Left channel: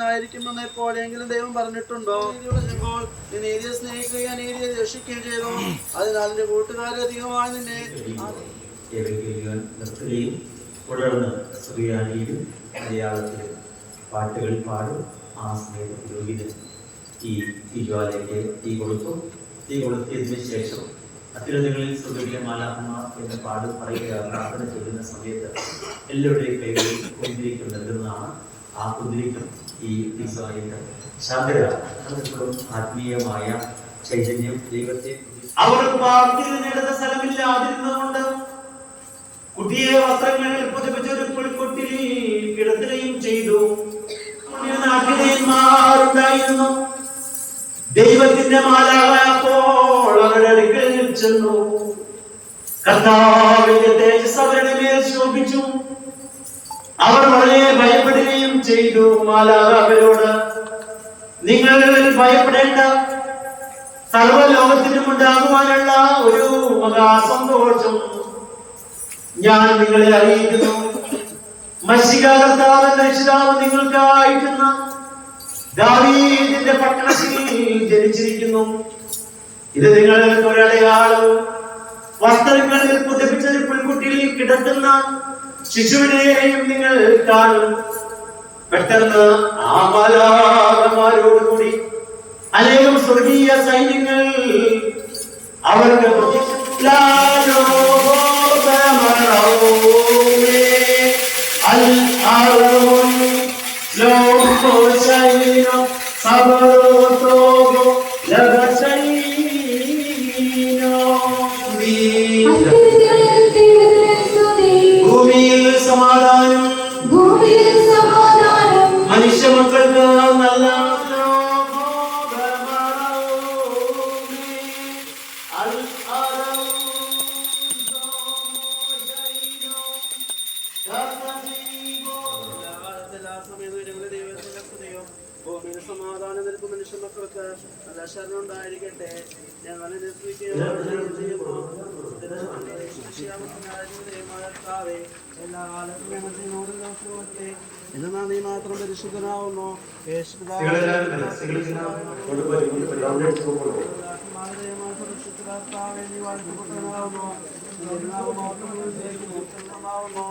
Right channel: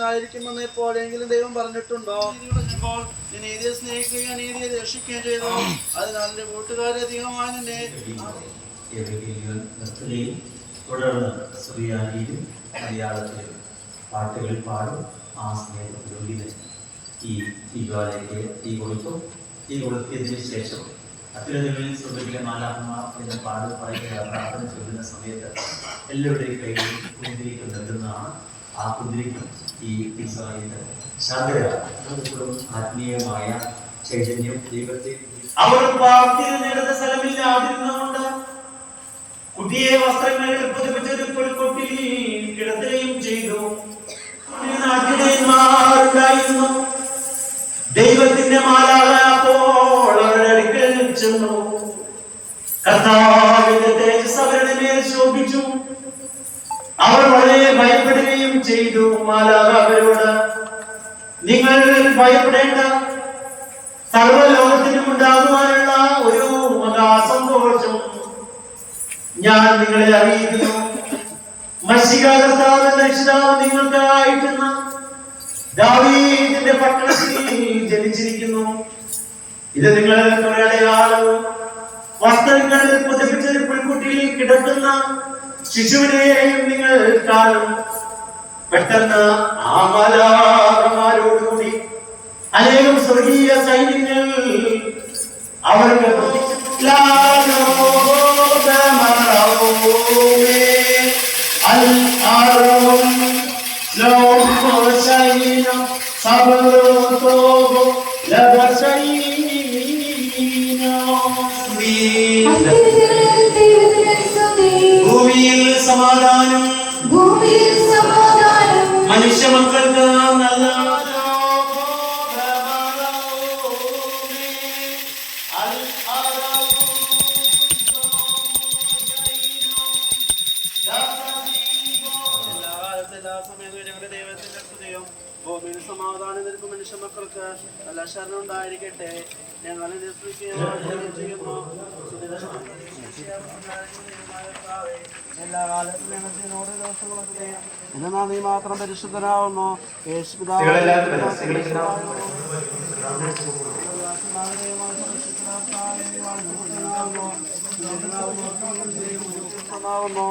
അവൻ എങ്കിലും ദൈവം പറഞ്ഞിട്ടുണ്ടോ? സ്നേഹിക്കുകയും രക്ഷിക്കുകയും ചെയ്തു? അതിനാൽ നിർത്തുകയും തുടർന്ന് മലയാളത്തിലും പാട്ടുകൾ പാടും. ആ സ്നേഹപുരോഹിതൻ ഈ തീജ്വാലയ്ക്ക് തീ കൊടുത്തു. തീ കൊളുത്തിയതിന് ശേഷം അത്യുന്നതങ്ങളിൽ സ്വർഗത്തിലെ മാലാഹന്മാർ എന്ന് പാട് പ്രാർത്ഥന ചൊല്ലുന്ന സമയത്ത് എല്ലാവരുടെയും കൈകളിൽ കുന്തിരിക്കും നൽകുന്നതാണ് ആ കുന്തിരിക്കും ഈ തീസ്വാലയത്ത് ശാന്തര ആത്മീയമായ ചൈതന്യം ദൈവത്തെ അവർ പാർട്ടിയിൽ നേടുന്ന സ്ഥലമില്ലാതിരുന്നതുകൊണ്ട് പുതിയ വസ്ത്രങ്ങളിൽ പുതുപ്പിച്ച ഒരു പുൽക്കൊട്ടിൽ കിടത്തുകയും ചെയ്തു. ഉണ്ടായിരുന്നു. ദൈവത്തിന്റെ മാലാക അപ്പോൾ അവരുടെ അടുക്കൽ ചെന്നു. കർത്താവിന്റെ തേജസ് അവരുടെ മേൽ ശോഭിച്ചു. അവർ വളരെ ഭയപ്പെടുകയും ചെയ്തു. മാലാക അവരോട് നിങ്ങൾ ഭയപ്പെടേണ്ട. സർവലോകത്തിനും ഉണ്ടാകുവാനുള്ള ഒരു മഹാസന്തോഷം ഞാൻ നിങ്ങളെ അറിയിക്കുന്നു. മത്സ്യകാലത്താവ് രക്ഷിതാവ് നിങ്ങൾക്കായിട്ടുന്ന ദാവീദിന്റെ പട്ടണത്തിൽ ജനിച്ചിരിക്കുന്നു. ഇത് നിങ്ങൾ ഒരടയാളവും. വസ്ത്രങ്ങളിൽ പുതിപ്പിച്ചതിൽ പുൽക്കുട്ടിയിൽ കിടക്കുന്ന ശിശുവിനെയും നിങ്ങൾ കാണും പെട്ടെന്ന് ആ മാലാകന്മാരോടുകൂടി അനേകം സ്വർഗീയ സൈന്യങ്ങൾ അവർക്ക് ഭൂമിയിൽ സമാധാനം. ഭൂമിയിൽ സമാധാനം. മനുഷ്യ മക്കൾക്ക് നല്ല എല്ലാ കാലത്തും എല്ലാ സമയത്തും ദൈവത്തിന്റെ സ്തുതിയും ഭൂമിയിൽ സമാധാനം നിൽക്കും മനുഷ്യ മക്കൾക്ക് നല്ല ശരണം ഉണ്ടായിരിക്കട്ടെ. ഞങ്ങളെ നിരസിക്കുകയും ചെയ്യുന്നു. എല്ലാ കാലത്തും മാത്രം പരിശുദ്ധനാവുന്നു.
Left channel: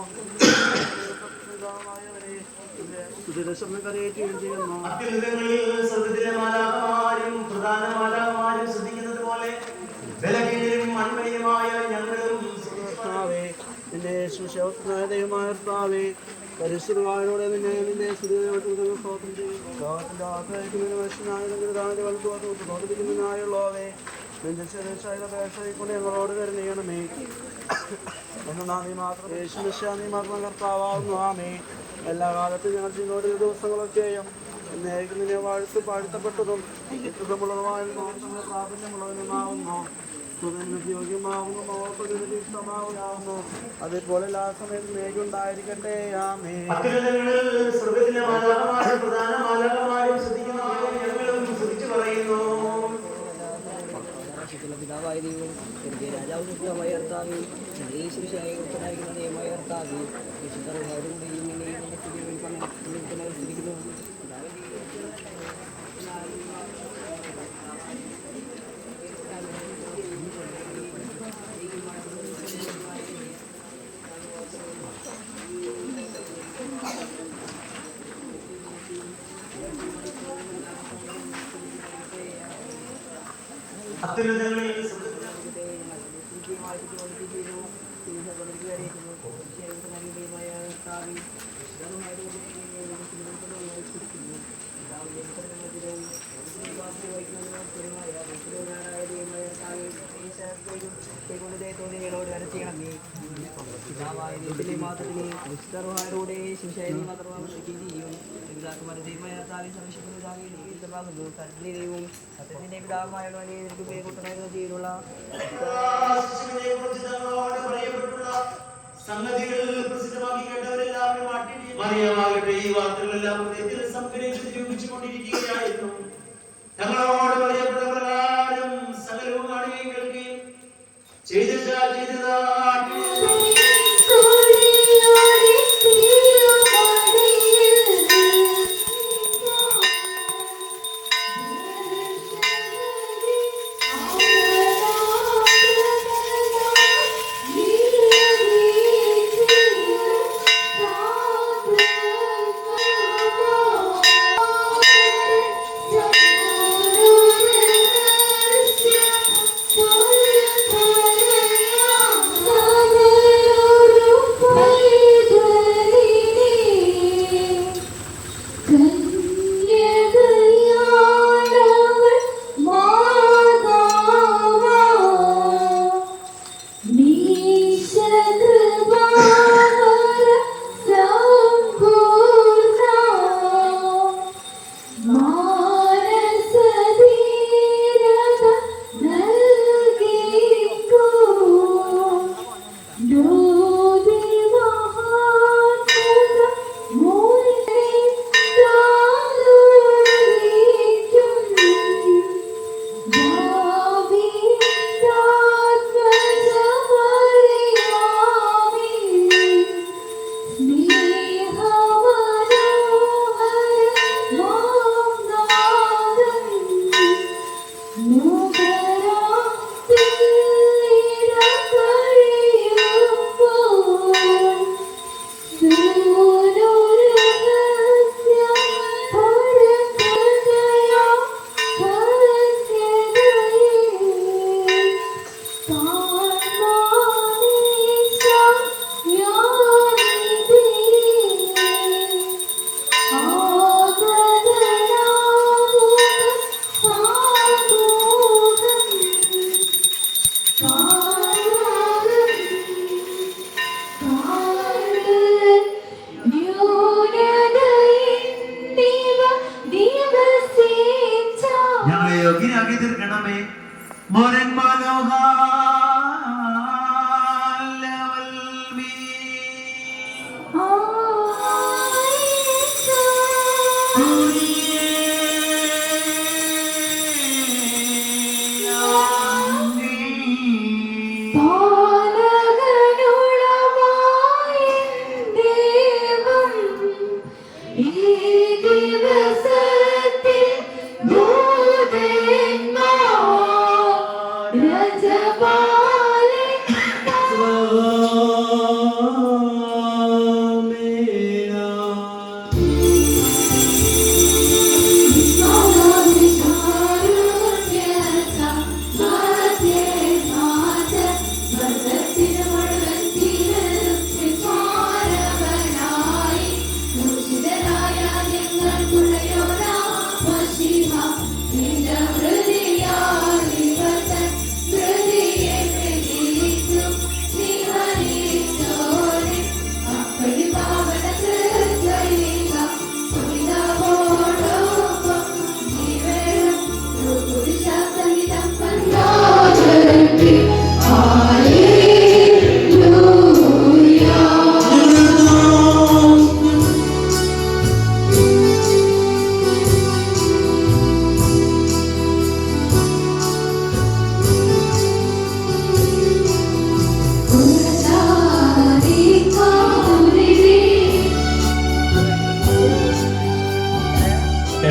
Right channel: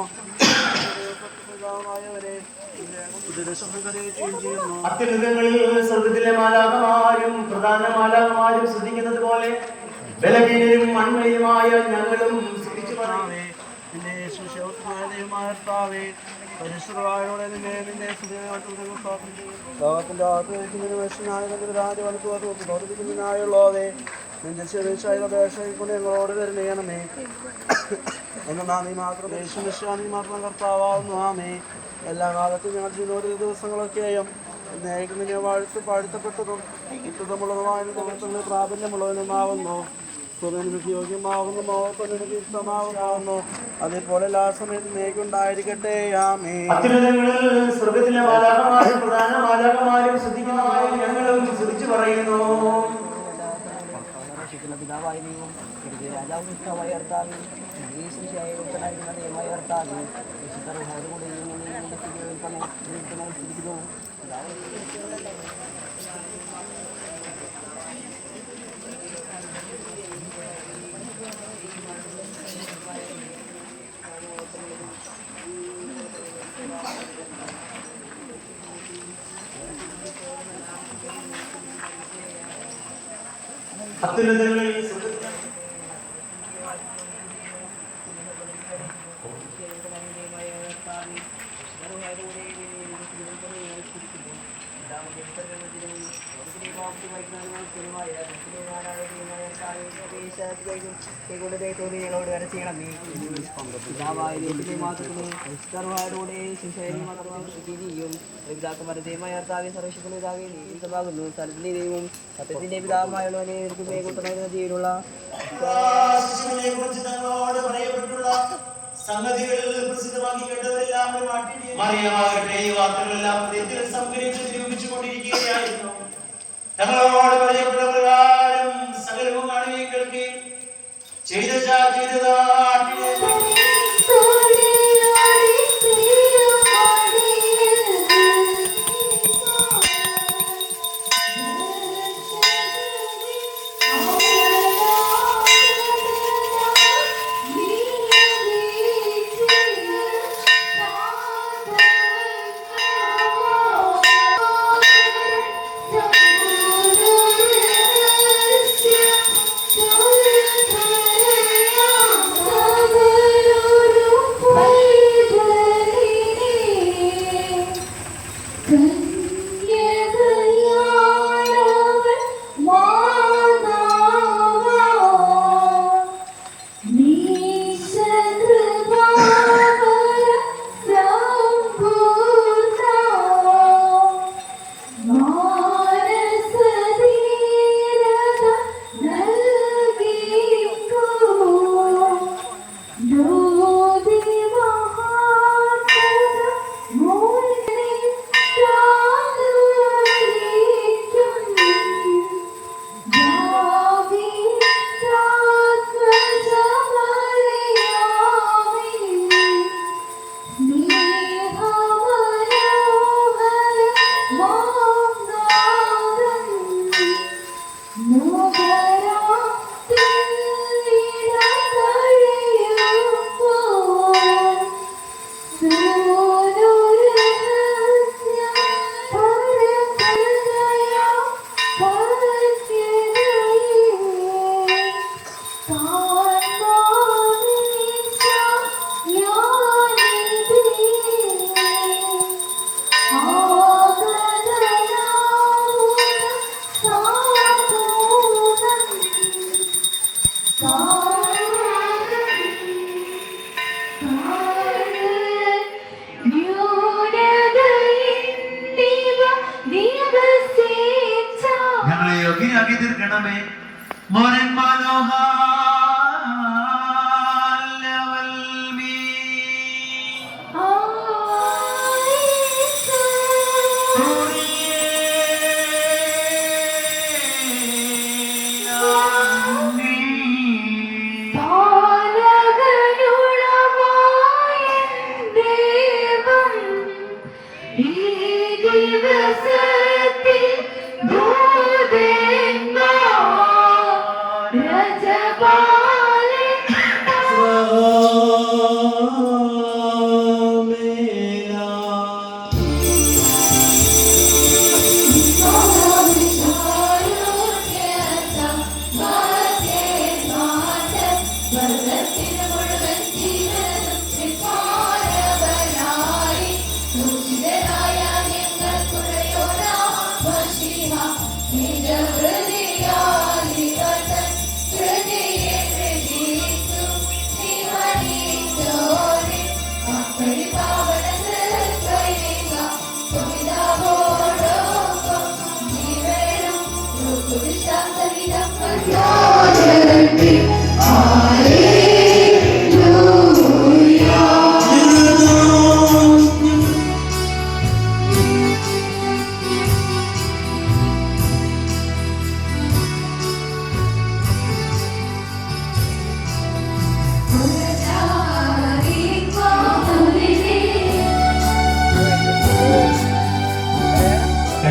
ശ്രദ്ധിക്കുന്നത് പോലെ ബലഹീനരും കർത്താവേ, ദൈവമായ കർത്താവേ, പരിശുദ്ധവായോടെ നിന്നെ നിന്റെ സ്തുതിയോട് സ്തോത്രം ചെയ്യുന്നു. ലോകത്തിന്റെ അകത്തേക്ക് നിരവശനായ നിന്റെ അപേക്ഷകൾ ഞങ്ങളോട് തരുന്നേണമേ എന്നാൽ നീ മാത്രം യേശു നിശ്ചാനി മാത്രം കർത്താവാകുന്നു. ആമേ എല്ലാ കാലത്തും ഞങ്ങൾ ചെയ്യുന്ന ദിവസങ്ങളൊക്കെയും നിന്നെ വാഴ്ത്ത് പാഴ്ത്തപ്പെട്ടതും പ്രാബല്യമുള്ളവനുമാവുന്നു. ഇഷ്ടമാകുന്നു അതേപോലെ എല്ലാ സമയത്തും മേഘ ഉണ്ടായിരിക്കട്ടെ ആമേ പ്രധാന ഞങ്ങളും പറയുന്നു പിതാവായ ദൈവം എന്റെ രാജാവും ഇഷ്ടമായ കർത്താവ് ശിശുവായി ഉൾപ്പെടാതിരിക്കുന്ന ദൈവമായ കർത്താവ് വിശുദ്ധരുടെ ഇങ്ങനെയും എന്റെ സ്ഥിതിക്കുന്നു ധർമ്മമായതോടെ തിരുവനന്തപുരം ഞാൻ ഞങ്ങളോട് പറയപ്പെട്ടുള്ള സംഗതികൾ പ്രസിദ്ധമാക്കി കേട്ടവരെല്ലാം ഈ വാർത്തകളെല്ലാം സംഭരിച്ചു ഞങ്ങളോട് Oh.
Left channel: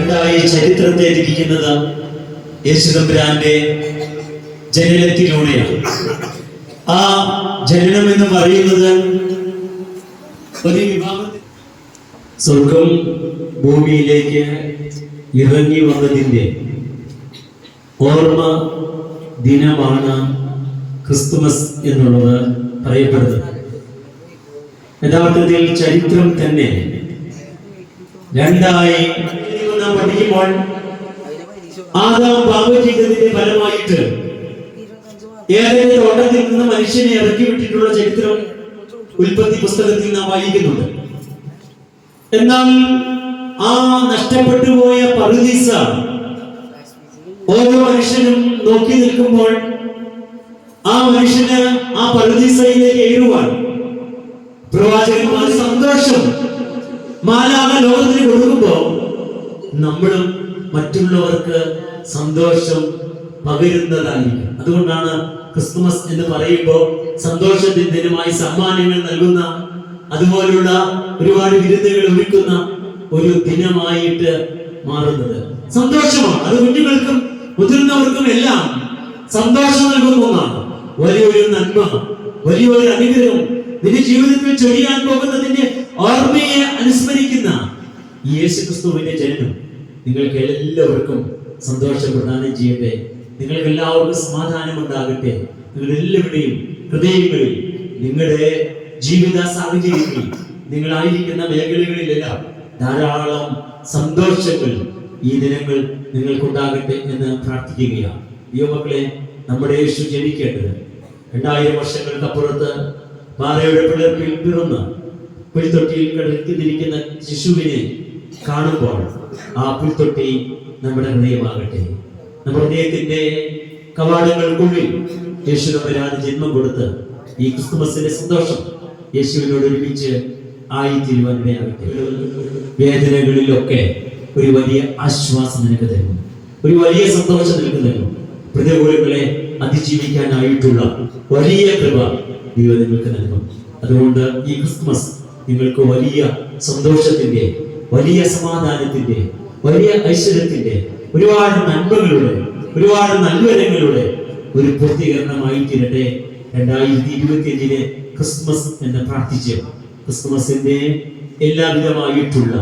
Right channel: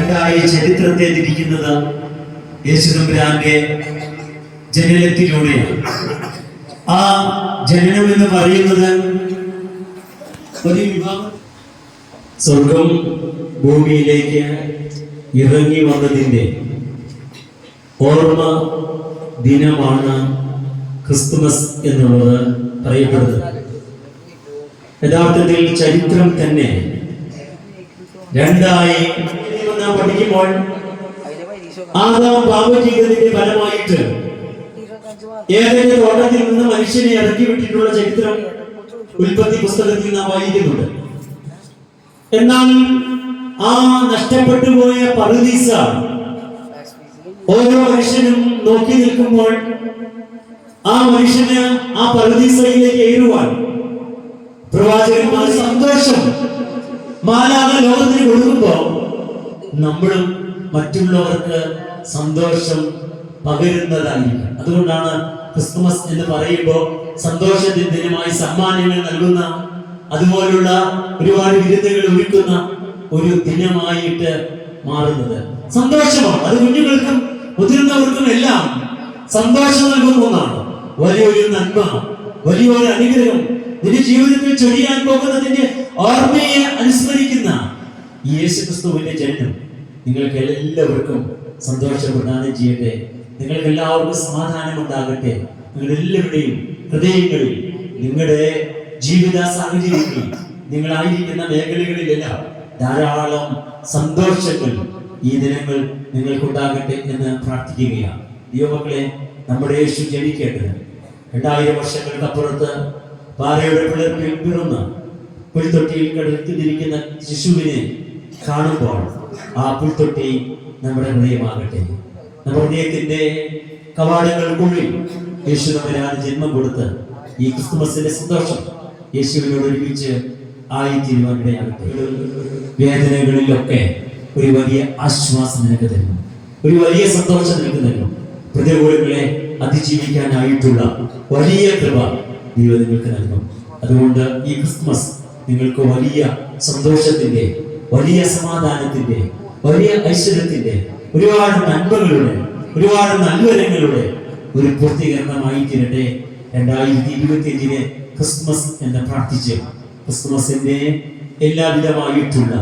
രണ്ടായി ചരിത്രത്തെ തിരിക്കുന്നത് യേശുദമ്പുരാന്റെ ജനനത്തിലൂടെയാണ്. ആ ജനനം എന്ന് പറയുന്നത് സ്വർഗം ഭൂമിയിലേക്ക് ഇറങ്ങി വന്നതിന്റെ ഓർമ്മ ദിനമാണ് ക്രിസ്തുമസ് എന്നുള്ളത് പറയപ്പെടുന്നത്. യഥാർത്ഥത്തിൽ ചരിത്രം തന്നെ രണ്ടായി പഠിക്കുമ്പോൾ ആദാം പാപം ഫലമായിട്ട് ഏതെങ്കിലും തോട്ടത്തിൽ നിന്ന് മനുഷ്യനെ ഇറക്കി വിട്ടിട്ടുള്ള ചരിത്രം ഉൽപ്പത്തി പുസ്തകത്തിൽ നാം വായിക്കുന്നുണ്ട്. എന്നാൽ ആ നഷ്ടപ്പെട്ടു പോയ പറുദീസ ഓരോ മനുഷ്യനും നോക്കി നിൽക്കുമ്പോൾ ആ മനുഷ്യന് ആ പറുദീസയിലേക്ക് ഏറുവാൻ പ്രവാചകന്മാർ സന്തോഷം. മാലാക ലോകത്തിന് കൊടുക്കുമ്പോ നമ്മളും മറ്റുള്ളവർക്ക് സന്തോഷം പകരുന്നതായിരിക്കും. അതുകൊണ്ടാണ് ക്രിസ്തുമസ് എന്ന് പറയുമ്പോൾ സന്തോഷത്തിന്റെ ദിനമായി സമ്മാനങ്ങൾ നൽകുന്ന അതുപോലുള്ള ഒരുപാട് വിരുന്നുകൾ ഒരുക്കുന്ന ഒരു ദിനമായിട്ട് മാറുന്നത്. സന്തോഷമാണ്. അത് കുഞ്ഞുങ്ങൾക്കും മുതിർന്നവർക്കും എല്ലാം സന്തോഷം നൽകുന്ന ഒന്നാണ്. വലിയൊരു നന്മ വലിയൊരു അനുഗ്രഹം. നിന്റെ ജീവിതത്തിൽ ചൊരിയാൻ പോകുന്നതിന്റെ ഓർമ്മയെ അനുസ്മരിക്കുന്ന ഈ യേശു ക്രിസ്തുവിന്റെ ജനനം നിങ്ങൾക്ക് എല്ലാവർക്കും സന്തോഷം പ്രദാനം ചെയ്യട്ടെ നിങ്ങൾക്ക് എല്ലാവർക്കും സമാധാനം ഉണ്ടാകട്ടെ നിങ്ങളുടെ എല്ലാവരുടെയും ഹൃദയങ്ങളിൽ നിങ്ങളുടെ ജീവിത സാഹചര്യങ്ങളിൽ നിങ്ങളായിരിക്കുന്ന മേഖലകളിലെല്ലാം ധാരാളം സന്തോഷങ്ങൾ ഈ ദിനങ്ങൾ നിങ്ങൾക്കുണ്ടാകട്ടെ എന്ന് പ്രാർത്ഥിക്കുകയാണ്. ദൈവമക്കളെ നമ്മുടെ യേശു ജനിക്കേണ്ടത് രണ്ടായിരം വർഷങ്ങൾക്കപ്പുറത്ത് പാറയുടെ പിളർപ്പിൽ പിറന്ന് പുൽത്തൊട്ടിയിൽ കടത്തിരിക്കുന്ന ശിശുവിനെ കാണുമ്പോൾ ആ പുൽത്തൊട്ടി നമ്മുടെ ഹൃദയമാകട്ടെ. നമ്മുടെ ഹൃദയത്തിന്റെ കവാടങ്ങൾക്കുള്ളിൽ യേശു നമ്മരാണ് ജന്മം കൊടുത്ത് ഈ ക്രിസ്തുമസിന്റെ സന്തോഷം യേശുവിനോട് ഒരുമിച്ച് ആയിത്തീരുവാൻ വേദനകളിലൊക്കെ ഒരു വലിയ ആശ്വാസം നിനക്ക് തരുന്നു. ഒരു വലിയ സന്തോഷം നിനക്ക് തരുന്നു. പ്രതികൂലങ്ങളെ അതിജീവിക്കാനായിട്ടുള്ള വലിയ കൃപ ദൈവം നിങ്ങൾക്ക് നൽകും. അതുകൊണ്ട് ഈ ക്രിസ്മസ് നിങ്ങൾക്ക് വലിയ സന്തോഷത്തിന്റെ വലിയ സമാധാനത്തിന്റെ വലിയ ഐശ്വര്യത്തിന്റെ ഒരുപാട് നന്മകളുടെ ഒരുപാട് നല്ലവരങ്ങളുടെ ഒരു പൂർത്തീകരണമായി തീരട്ടെ രണ്ടായിരത്തി ഇരുപത്തി അഞ്ചിന് ക്രിസ്മസ് എന്ന് പ്രാർത്ഥിച്ച് ക്രിസ്മസിന്റെ എല്ലാവിധമായിട്ടുള്ള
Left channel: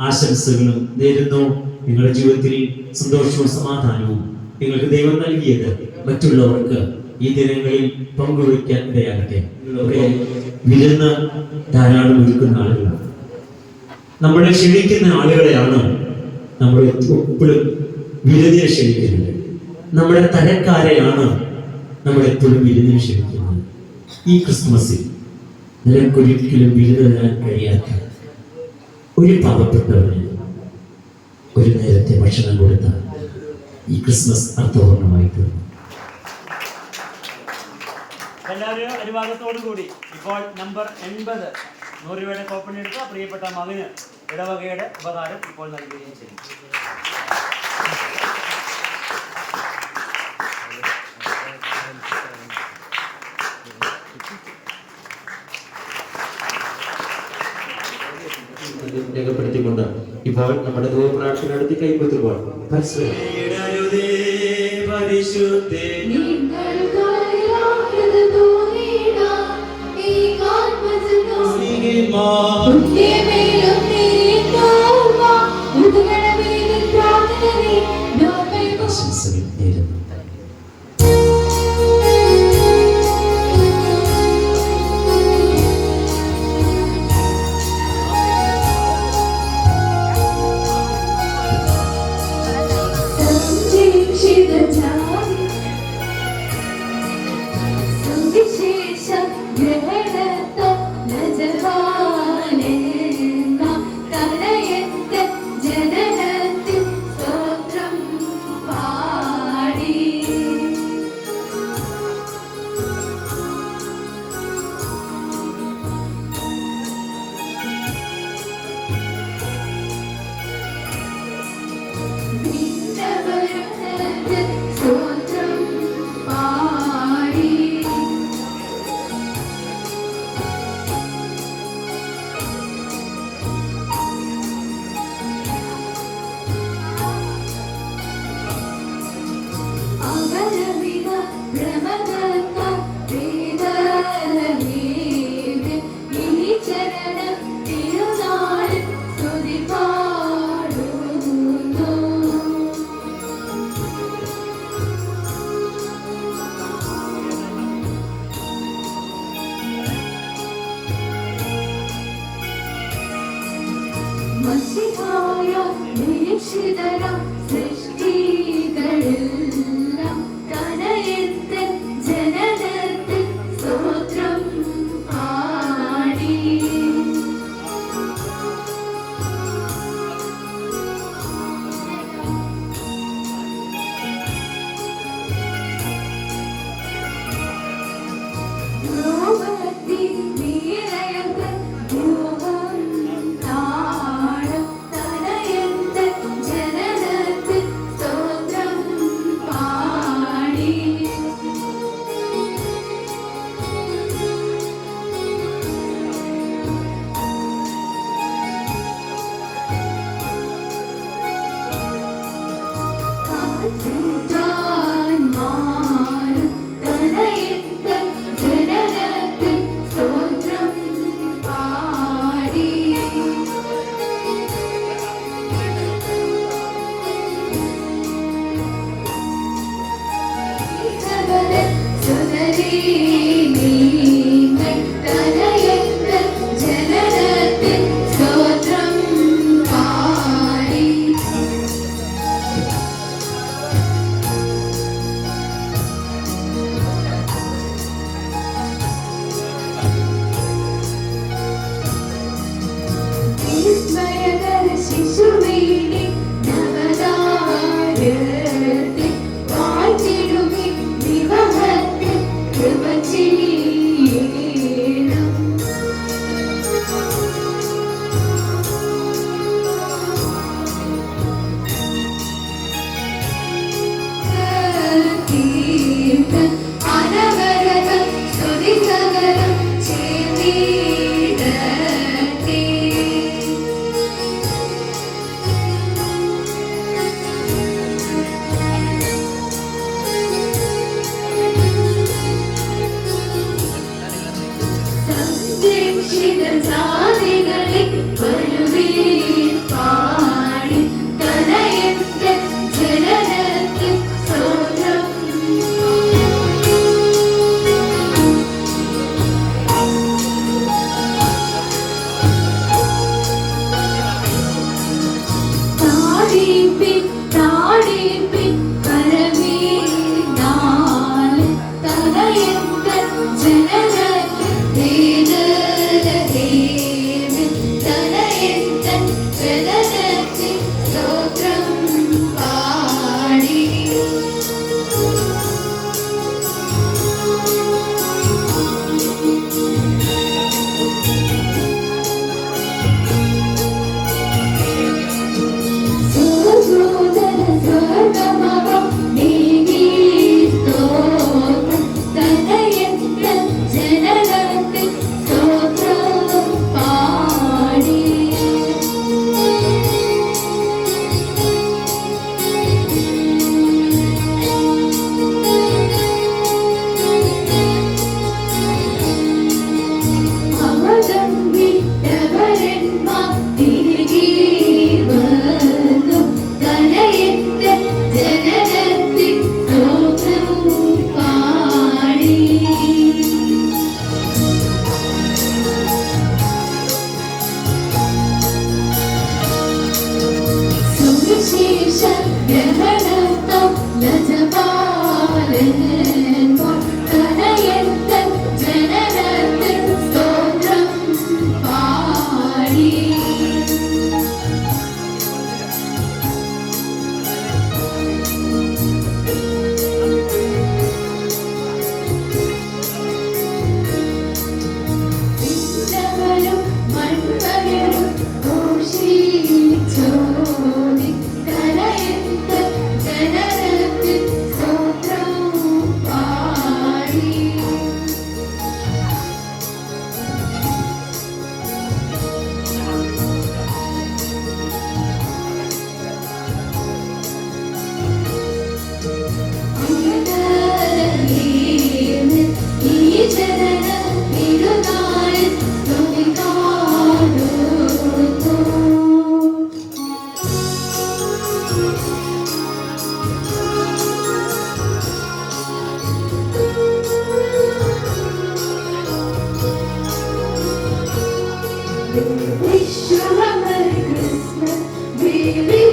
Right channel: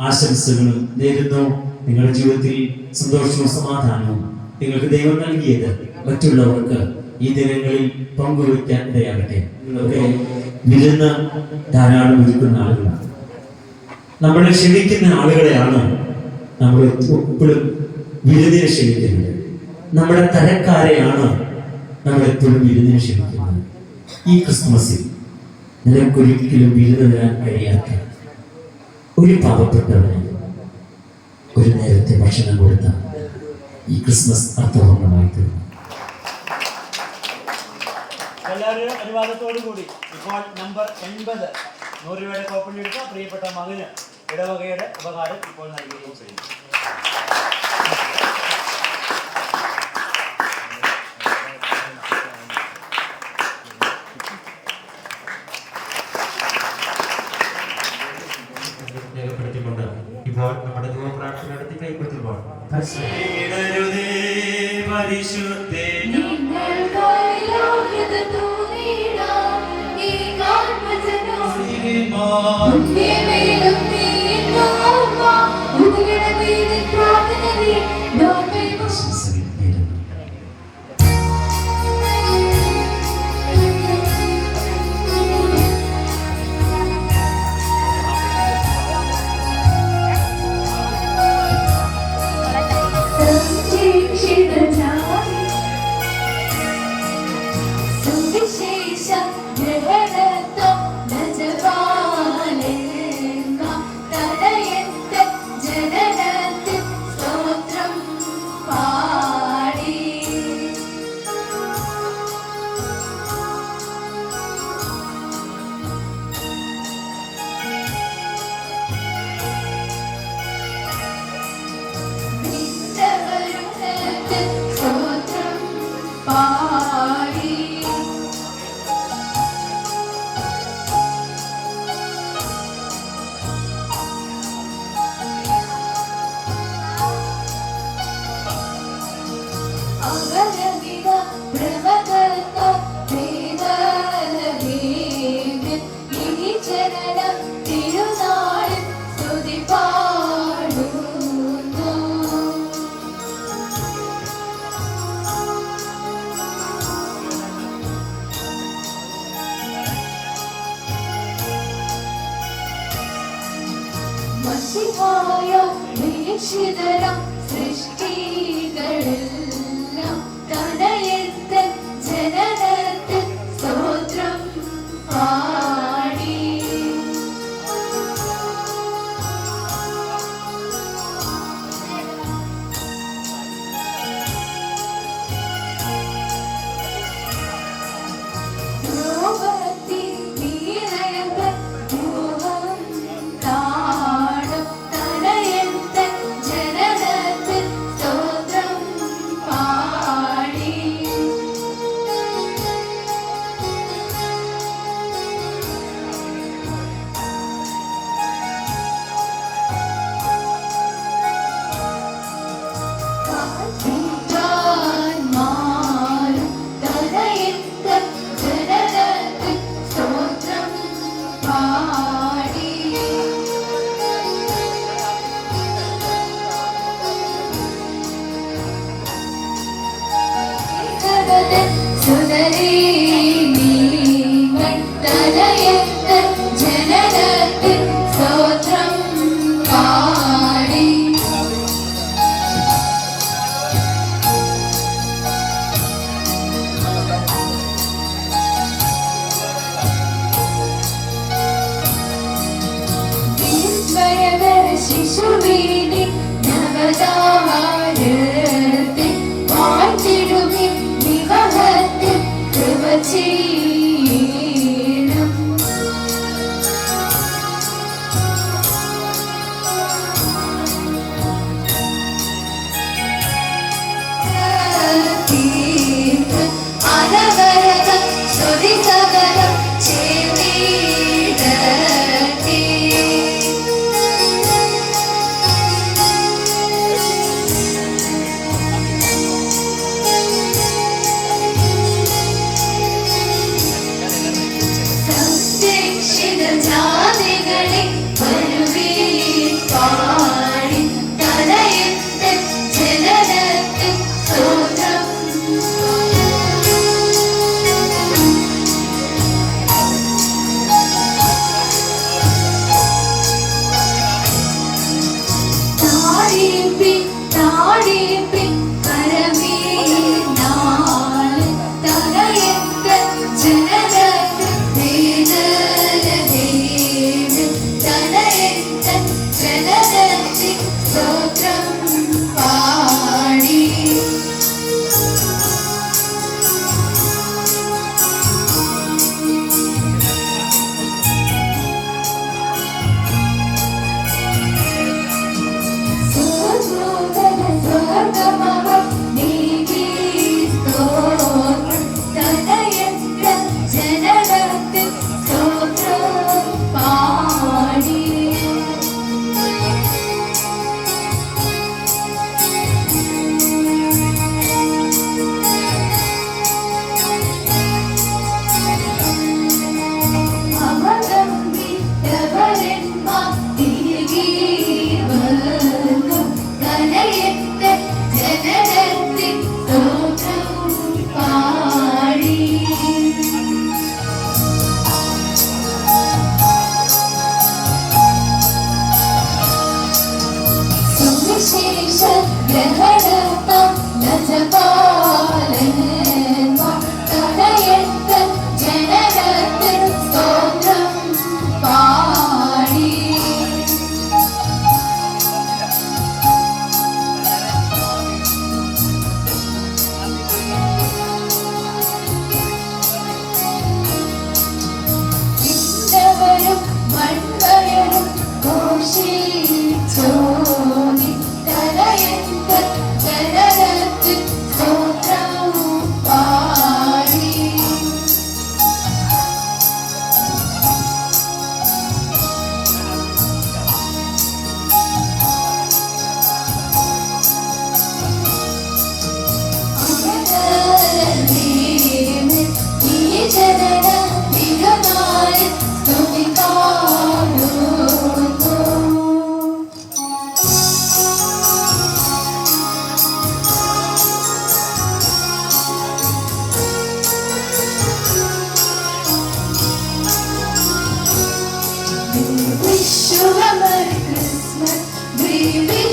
ആശംസകളും നേരുന്നു. നിങ്ങളുടെ ജീവിതത്തിൽ സന്തോഷവും സമാധാനവും നിങ്ങൾക്ക് ദൈവം നൽകിയത് മറ്റുള്ളവർക്ക് ഈ ദിനങ്ങളിൽ പങ്കുവയ്ക്കാൻ ഇടയാകട്ടെ. വിരുന്ന് ധാരാളം ഒരുക്കുന്ന ആളുകളാണ്. നമ്മളെ ക്ഷണിക്കുന്ന ആളുകളെയാണ് നമ്മൾ എപ്പോഴും വിരുന്നിനെ ക്ഷണിക്കുന്നത്. നമ്മുടെ തരക്കാരെയാണ് നമ്മൾ എപ്പോഴും വിരുന്നിനെ ക്ഷണിക്കുന്നത്. ഈ ക്രിസ്മസിൽ നിനക്കൊരിക്കലും വിരുന്ന് തരാൻ കഴിയാത്ത ഒരു പാവപ്പെട്ടവന് ഒരു നേരത്തെ ഭക്ഷണം കൊടുത്ത ഈ ക്രിസ്മസ് അർത്ഥപൂർണമായി തീർന്നു. എല്ലാവരെയും അനുവാദത്തോടു കൂടി ഇപ്പോൾ നമ്പർ എൺപത്. നൂറ് രൂപയുടെ കോപ്പണി എടുക്കുക പ്രിയപ്പെട്ട മകന് ഇടവകയുടെ ഉപകാരം ഇപ്പോൾ നൽകുകയും ചെയ്യും. രേഖപ്പെടുത്തിക്കൊണ്ട് ഇപ്പോൾ നമ്മുടെ ദൈവപ്രാർത്ഥന നടത്തി കൈപ്പറ്റുമ്പോൾ പരിശുദ്ധേ.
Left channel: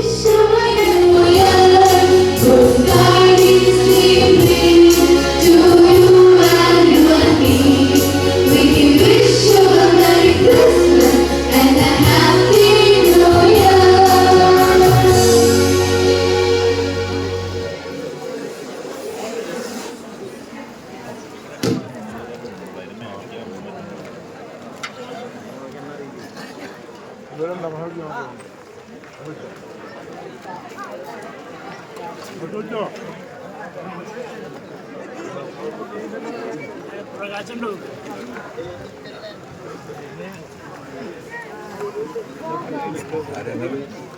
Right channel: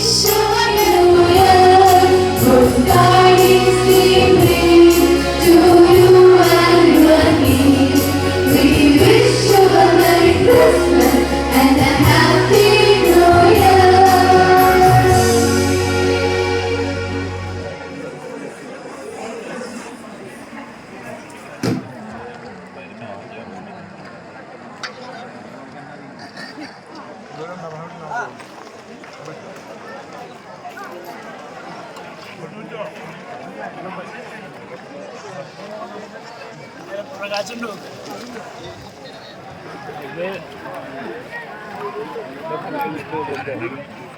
Deixa ありがとうございます。